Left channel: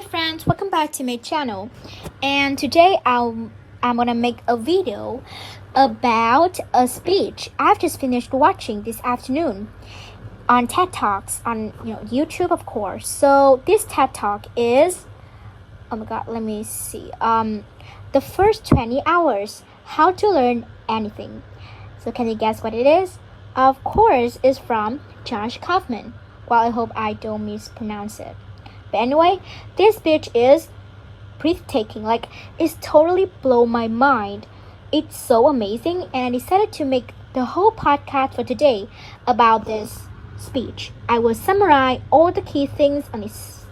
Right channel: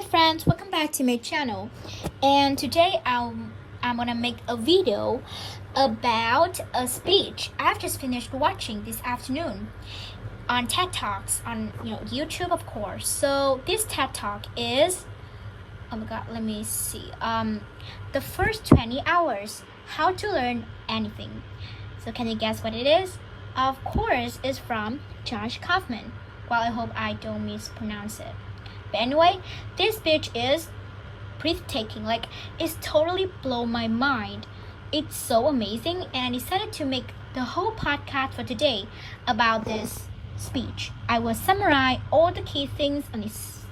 Hi friends, welcome back to my channel. And today I'm gonna make a video about a speech I've just finished watching this afternoon on TED Talks on YouTube, of course. So this TED Talk is, oh my god, let me see. The first 20 hours, how to learn anything. So can you guess what it is? Of course, it's from Josh Kaufman. Well, I hope I don't mispronounce it. But anyway, this speech is breathtaking. Like, it's totally blown my mind. It's so amazing, and I decided to make the whole podcast for today about this speech. I will summarize all the key things on this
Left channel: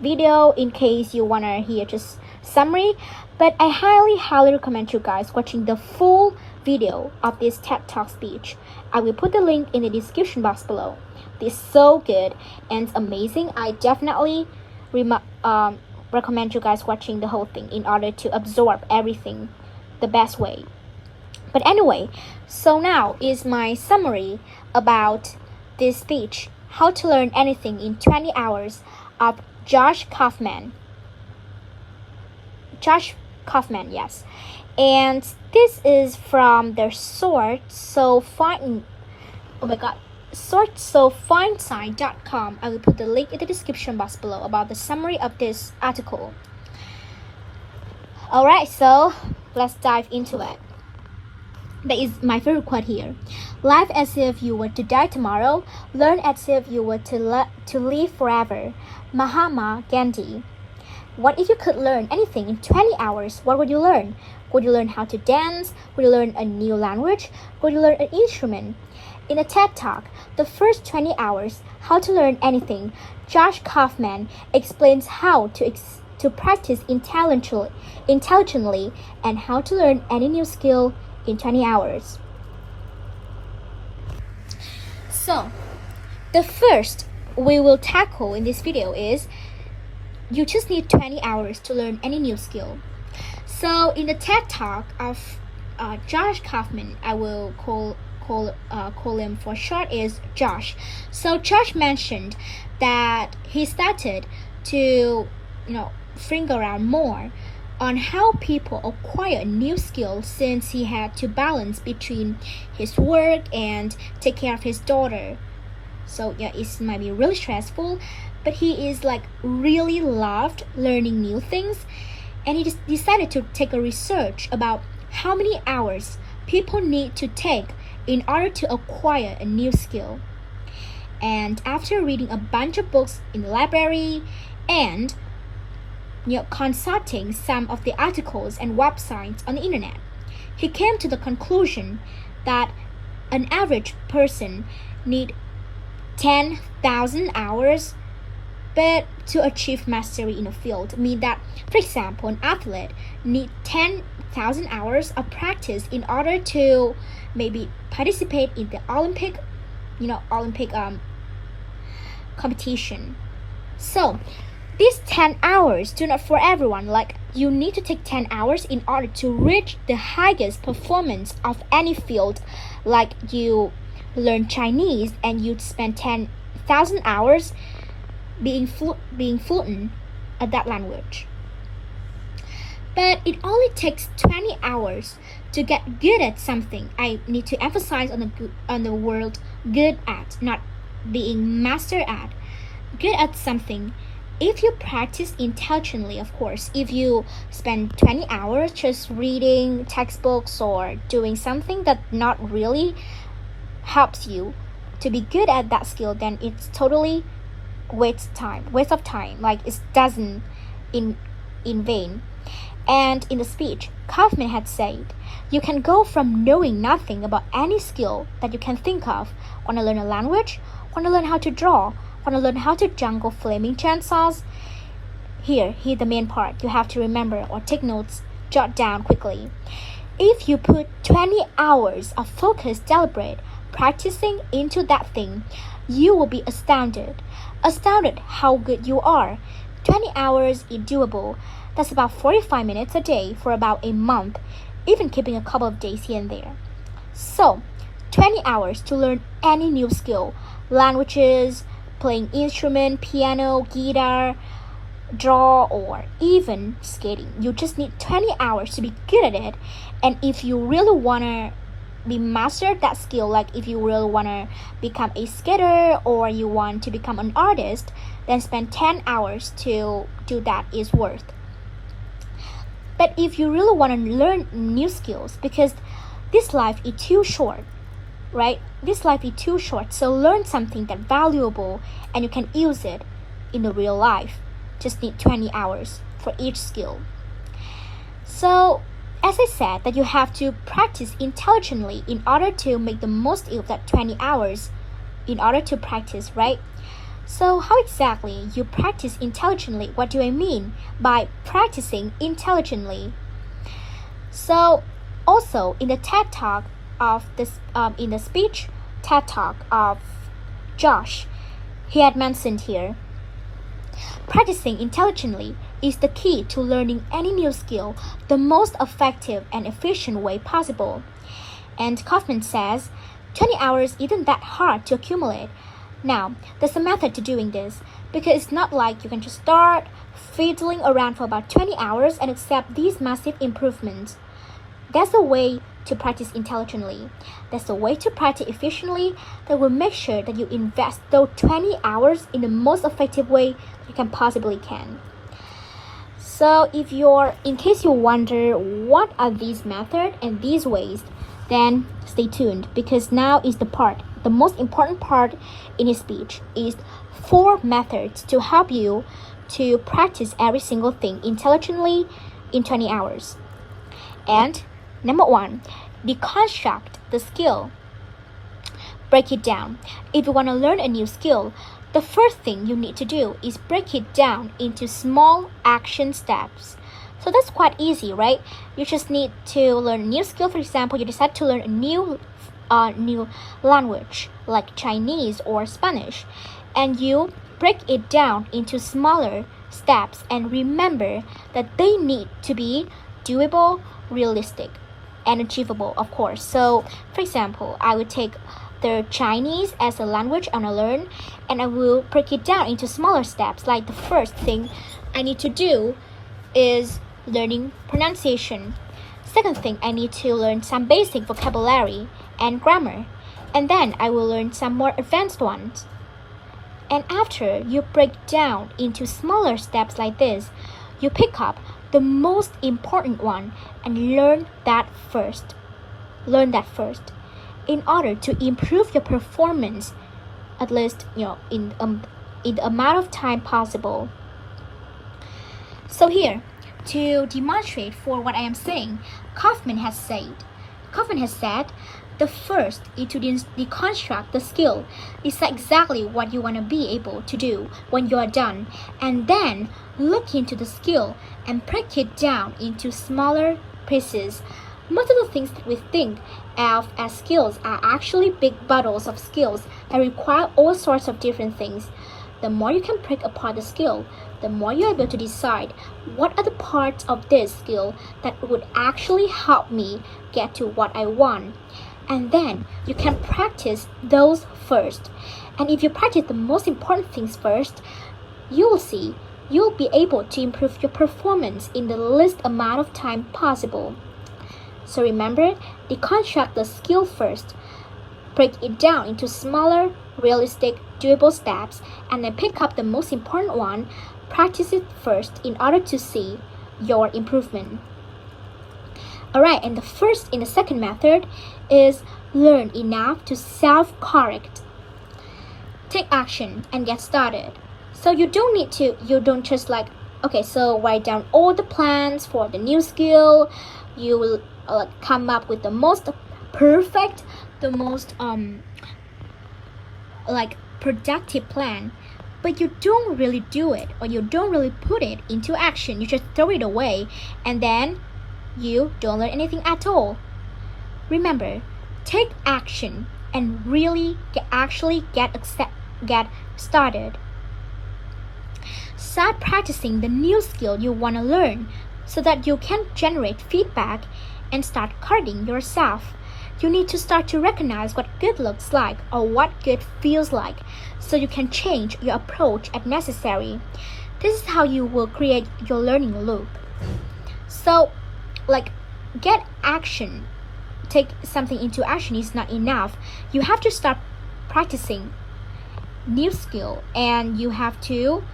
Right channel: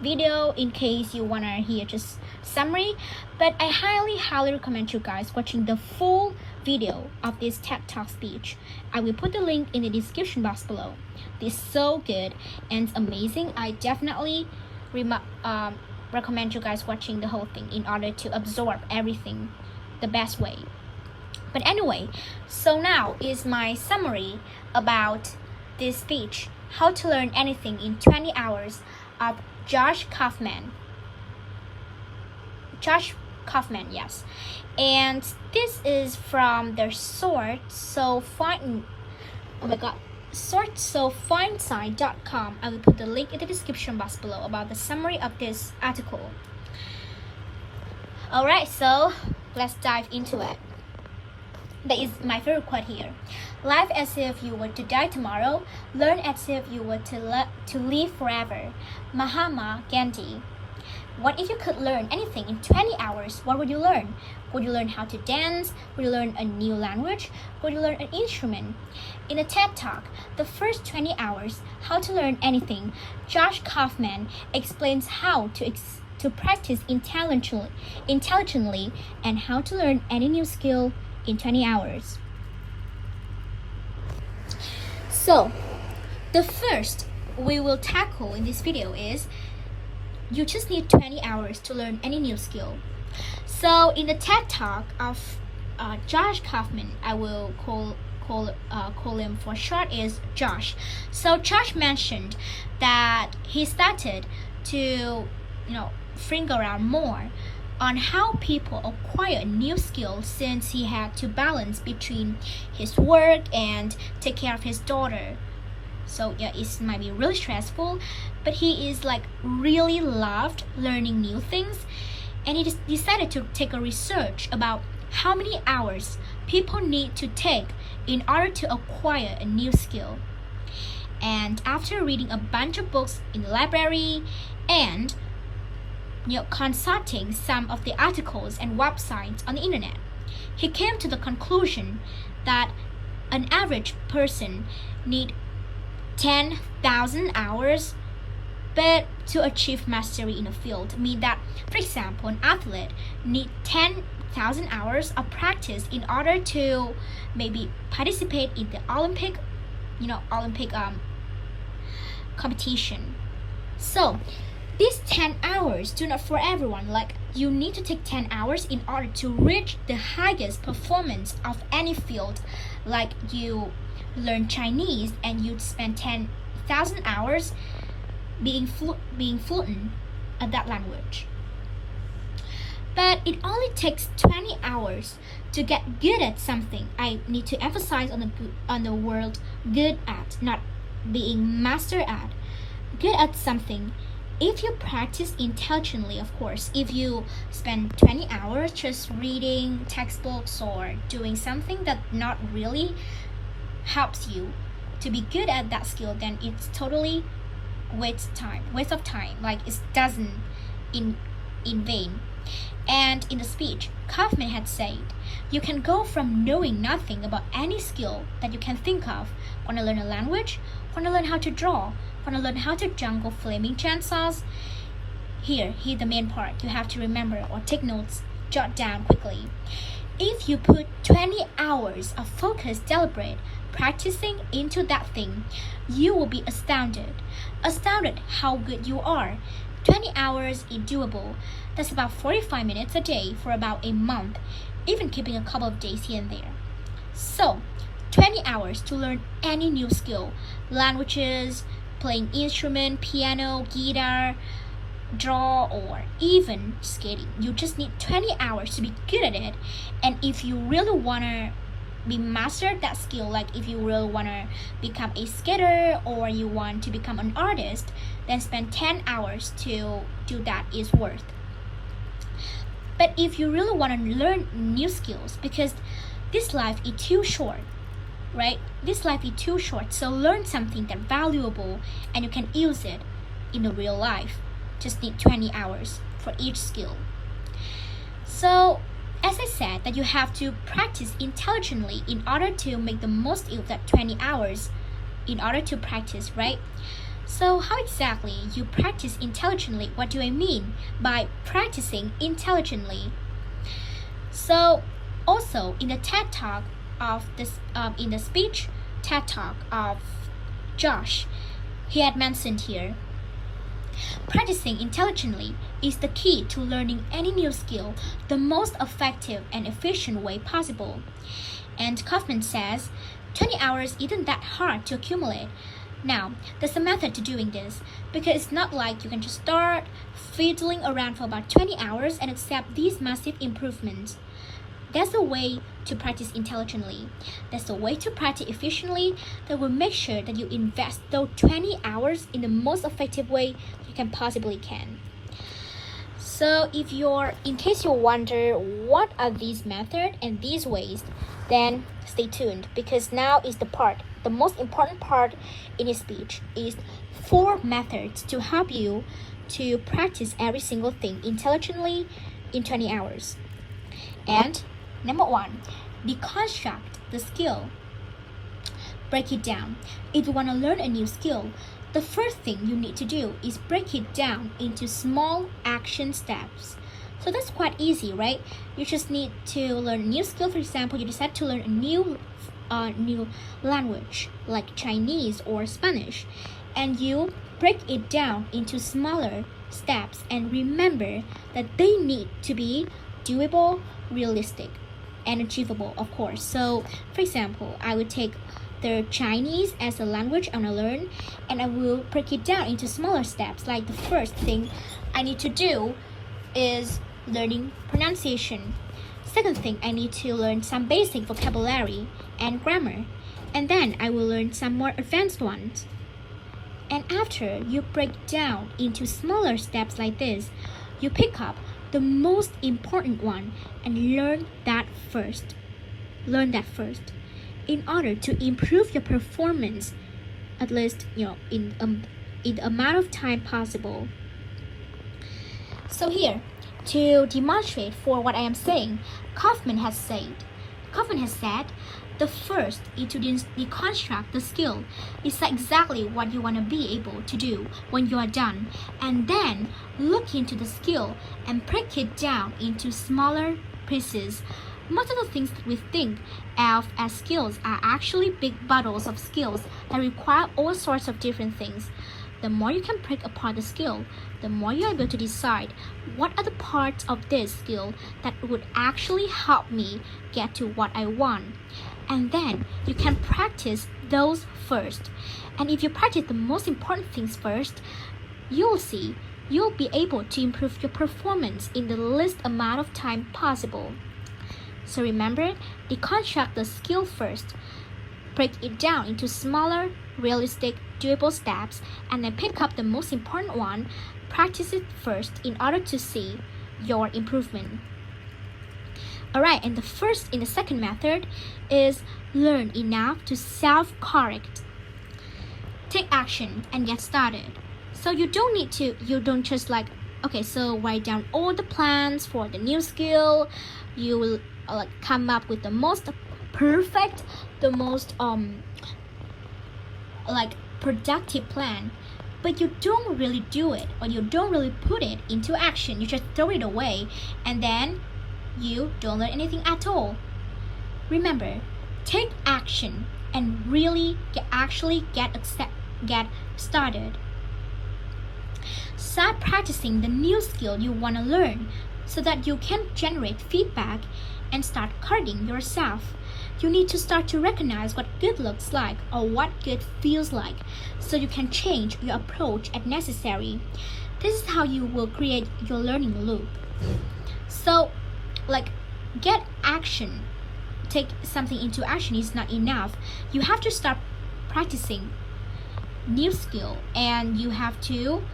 video in case you wanna hear just summary. But I highly recommend you guys watching the full video of this TED Talk speech. I will put the link in the description box below. This is so good and amazing. I definitely recommend you guys watching the whole thing in order to absorb everything the best way. But anyway, so now is my summary about this speech, How to Learn Anything in 20 Hours of Josh Kaufman. Josh Kaufman, yes. And this is from their sourcesofindsign.com. I will put the link in the description box below about the summary of this article. Alright, so let's dive into it. That is my favorite quote here. Live as if you were to die tomorrow. Learn as if you were to live forever. Mahatma Gandhi. What if you could learn anything in 20 hours? What would you learn? Would you learn how to dance? Would you learn a new language? Would you learn an instrument? In a TED Talk, the first 20 hours, How to Learn Anything, Josh Kaufman explains how to practice intelligently and how to learn any new skill in 20 hours. So, the first we will tackle in this video is you just need 20 hours to learn any new skill. So in the TED Talk of Josh Kaufman, I will call him for short is Josh. So Josh mentioned that he started to think around more on how people acquire new skills since he had to balance between his work and take care of his daughter. So yeah, it might be really stressful, but he is really loved learning new things, and he just decided to take a research about how many hours people need to take in order to acquire a new skill. And after reading a bunch of books in the library and consulting some of the articles and websites on the internet, he came to the conclusion that an average person need 10,000 hours but to achieve mastery in a field. Mean that, for example, an athlete need 10,000 hours of practice in order to maybe participate in the Olympic competition. So these 10 hours do not for everyone. You need to take 10 hours in order to reach the highest performance of any field. Like you learn Chinese and you'd spend 10,000 hours being fluent at that language. But it only takes 20 hours to get good at something. I need to emphasize on the word good at, not being master at. Good at something. If you practice intelligently, of course, if you spend 20 hours just reading textbooks or doing something that not really helps you to be good at that skill, then it's totally waste of time. It doesn't in vain. And in the speech, Kaufman had said, you can go from knowing nothing about any skill that you can think of. Want to learn a language? Want to learn how to draw? Want to learn how to jungle flaming chainsaws? Here the main part you have to remember or take notes, jot down quickly. If you put 20 hours of focused, deliberate practicing into that thing, you will be astounded how good you are. 20 hours is doable. That's about 45 minutes a day for about a month, even keeping a couple of days here and there. So 20 hours to learn any new skill, languages, playing instrument, piano, guitar, draw, or even skating. You just need 20 hours to be good at it. And if you really want to be mastered that skill, like if you really want to become a skater or you want to become an artist, then spend 10 hours to do that is worth. But if you really want to learn new skills, because this life is too short, right? This life is too short, so learn something that's valuable and you can use it in the real life. Just need 20 hours for each skill. So as I said, that you have to practice intelligently in order to make the most of that 20 hours in order to practice, right? So how exactly you practice intelligently? What do I mean by practicing intelligently? So also in the TED Talk of this, in the speech TED Talk of Josh, he had mentioned here, practicing intelligently is the key to learning any new skill the most effective and efficient way possible. And Kaufman says, 20 hours isn't that hard to accumulate. Now, there's a method to doing this, because it's not like you can just start fiddling around for about 20 hours and accept these massive improvements. There's a way to practice intelligently. There's a way to practice efficiently that will make sure that you invest those 20 hours in the most effective way you can possibly can. So in case you wonder what are these methods and these ways, then stay tuned, because now is the most important part in his speech is 4 methods to help you to practice every single thing intelligently in 20 hours. And number 1, deconstruct the skill. Break it down. If you want to learn a new skill, the first thing you need to do is break it down into small action steps. So that's quite easy, right? You just need to learn a new skill. For example, you decide to learn a new language like Chinese or Spanish, and you break it down into smaller steps, and remember that they need to be doable, realistic, and achievable, of course. So for example, I would take the Chinese as a language I want to learn, and I will break it down into smaller steps. Like the first thing I need to do is learning pronunciation. Second thing, I need to learn some basic vocabulary and grammar, and then I will learn some more advanced ones. And after you break down into smaller steps like this, you pick up the most important one and learn that first. Learn that first in order to improve your performance, at least in the amount of time possible. So here, to demonstrate for what I am saying, Kaufman has said, the first is to deconstruct the skill. Decide exactly what you want to be able to do when you are done, and then look into the skill and break it down into smaller pieces. Most of the things that we think of as skills are actually big bundles of skills that require all sorts of different things. The more you can break apart the skill, the more you're able to decide what are the parts of this skill that would actually help me get to what I want. And then you can practice those first. And if you practice the most important things first, you'll be able to improve your performance in the least amount of time possible. So remember, deconstruct the skill first. Break it down into smaller, realistic, doable steps, and then pick up the most important one. Practice it first in order to see your improvement. Alright, and the second method is learn enough to self-correct. Take action and get started. So you don't just so write down all the plans for the new skill. You will come up with the most perfect, the most productive plan, but you don't really do it, or you don't really put it into action. You just throw it away, and then you don't learn anything at all. Remember, take action and really get started. Start practicing the new skill you want to learn so that you can generate feedback and start guarding yourself. you need to start to recognize what good looks like or what good feels like so you can change your approach as necessary. This is how you will create your learning loop. So, get action. Take something into action is not enough. You have to start practicing new skill, and you have to,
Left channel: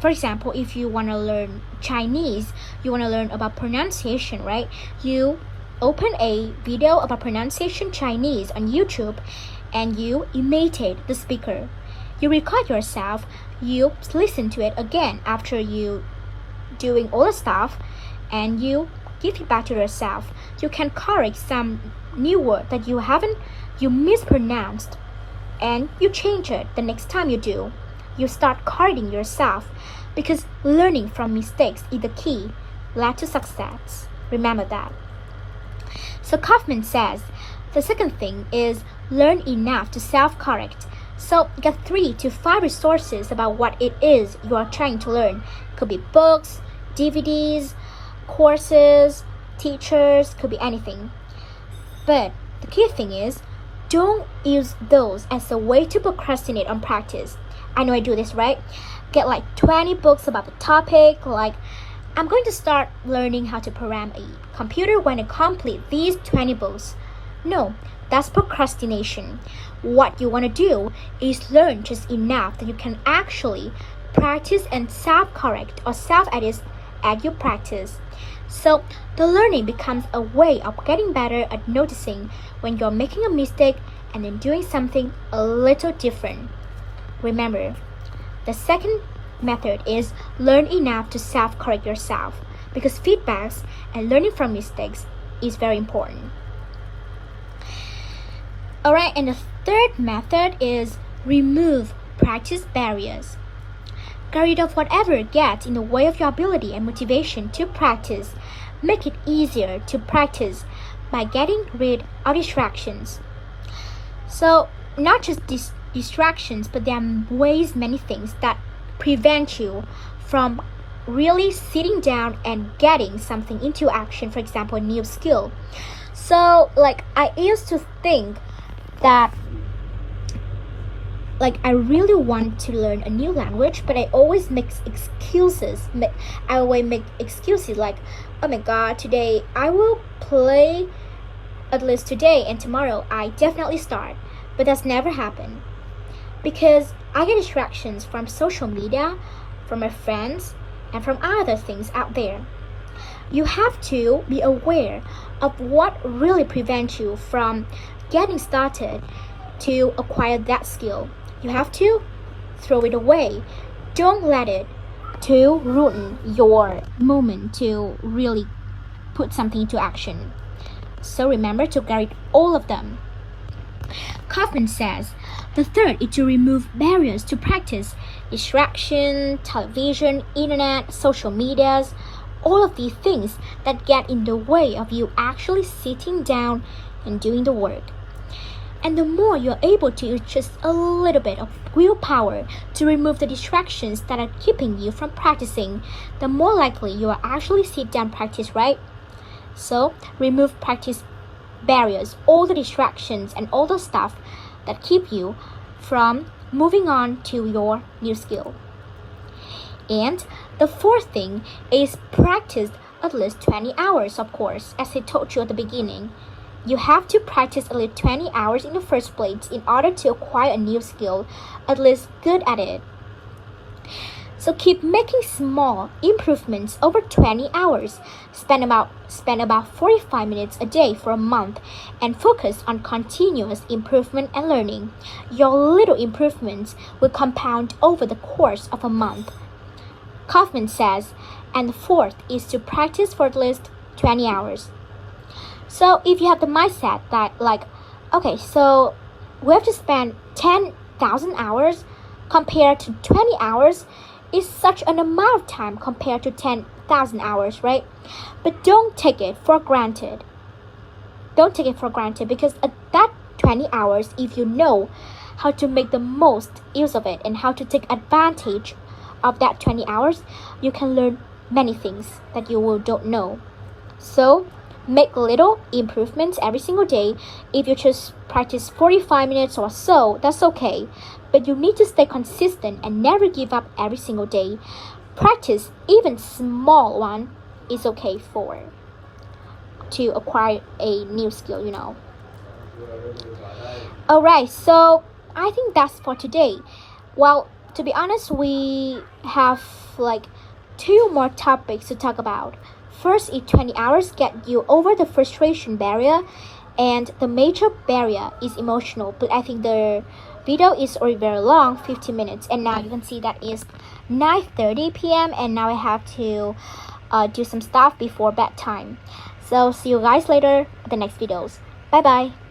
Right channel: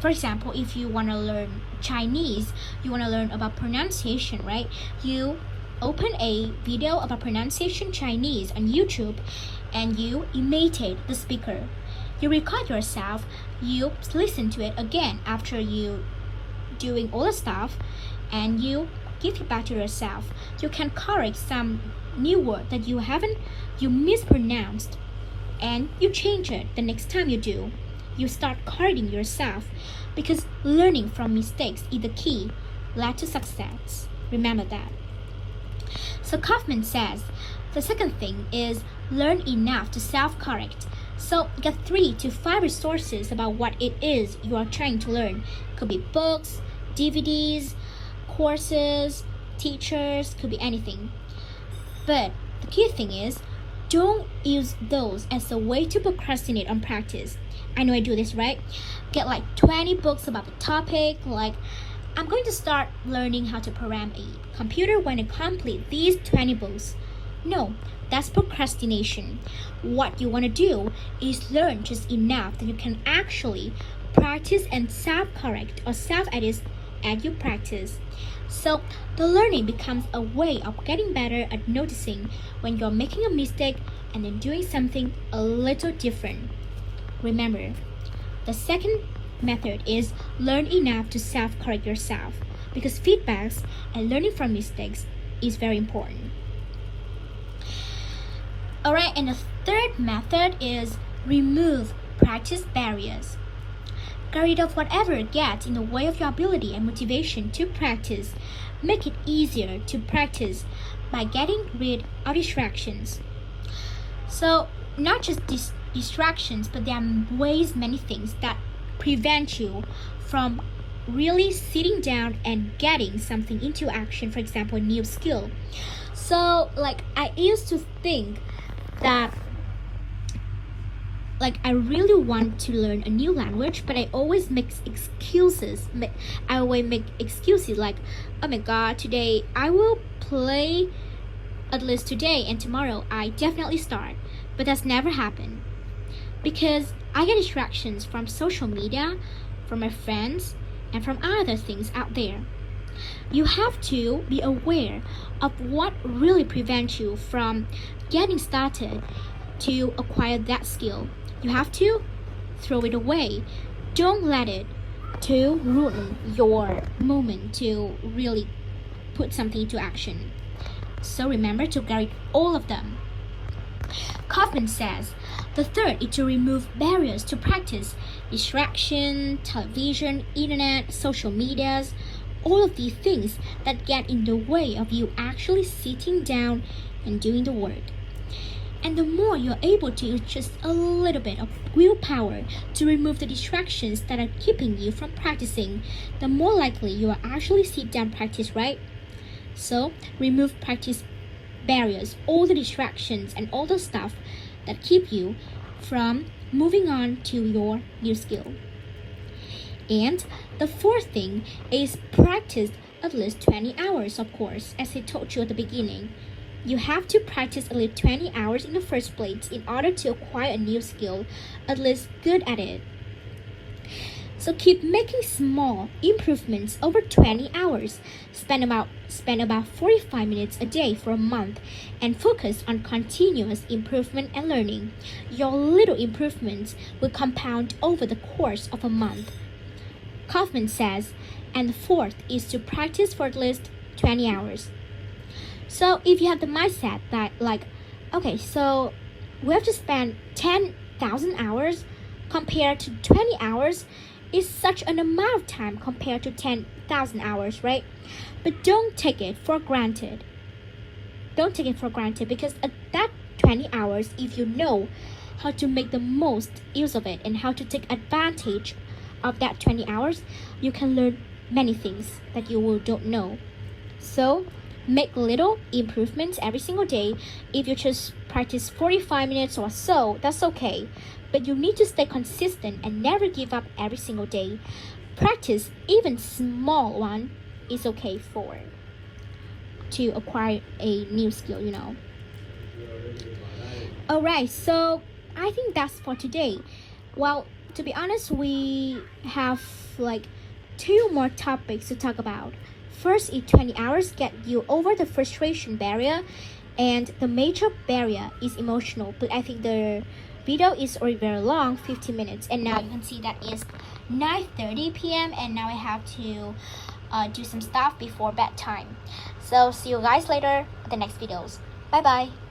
for example, if you want to learn Chinese, you want to learn about pronunciation, right? You open a video about pronunciation Chinese on YouTube and you imitate the speaker. You record yourself, you listen to it again after you doing all the stuff, and you give feedback to yourself. You can correct some new word that you mispronounced, and you change it the next time you do. You start correcting yourself, because learning from mistakes is the key led to success. Remember that. So Kaufman says the second thing is learn enough to self-correct. So get 3 to 5 resources about what it is you are trying to learn. Could be books, DVDs, courses, teachers, could be anything. But the key thing is, don't use those as a way to procrastinate on practice. I know I do this, right? Get 20 books about the topic, I'm going to start learning how to program a computer when I complete these 20 books. No, that's procrastination. What you want to do is learn just enough that you can actually practice and self-correct or self-edit as you practice. So the learning becomes a way of getting better at noticing when you're making a mistake and then doing something a little different. Remember, the second method is learn enough to self-correct yourself, because feedbacks and learning from mistakes is very important. Alright, and the third method is remove practice barriers. Get rid of whatever gets in the way of your ability and motivation to practice. Make it easier to practice by getting rid of distractions. So, not just distractions, but there are many things that prevent you from really sitting down and getting something into action, for example, a new skill. So, I used to think that I really want to learn a new language, but I always make excuses. I always make excuses like, oh my god, today I will play at least today, and tomorrow I definitely start. But that's never happened, because I get distractions from social media, from my friends, and from other things out there. You have to be aware of what really prevents you from getting started to acquire that skill. You have to throw it away. Don't let it to ruin your moment to really put something into action. So remember to get rid of all of them. Kaufman says the third is to remove barriers to practice. Distraction, television, internet, social medias, all of these things that get in the way of you actually sitting down and doing the work. And the more you're able to use just a little bit of willpower to remove the distractions that are keeping you from practicing, the more likely you will actually sit down and practice, right? So remove practice barriers, all the distractions and all the stuff that keep you from moving on to your new skill. And the fourth thing is practice at least 20 hours, of course, as I told you at the beginning. You have to practice at least 20 hours in the first place in order to acquire a new skill, at least good at it. So keep making small improvements over 20 hours. Spend about 45 minutes a day for a month and focus on continuous improvement and learning. Your little improvements will compound over the course of a month. Kaufman says, and the fourth is to practice for at least 20 hours. So if you have the mindset that okay, so we have to spend 10,000 hours compared to 20 hours, is such an amount of time compared to 10,000 hours, right? But don't take it for granted. Don't take it for granted, because at that 20 hours, if you know how to make the most use of it and how to take advantage of that 20 hours, you can learn many things that you don't know. So Make little improvements every single day. If you just practice 45 minutes or so, that's okay. But you need to stay consistent and never give up every single day. Practice even small one is okay to acquire a new skill. Alright, so I think that's for today. Well, to be honest, we have like 2 more topics to talk about. First is 20 hours get you over the frustration barrier, and the major barrier is emotional. But I think the video is already very long, 15 minutes, and now you can see that is 9:30 p.m. and now I have to do some stuff before bedtime. So see you guys later in the next videos. Bye bye.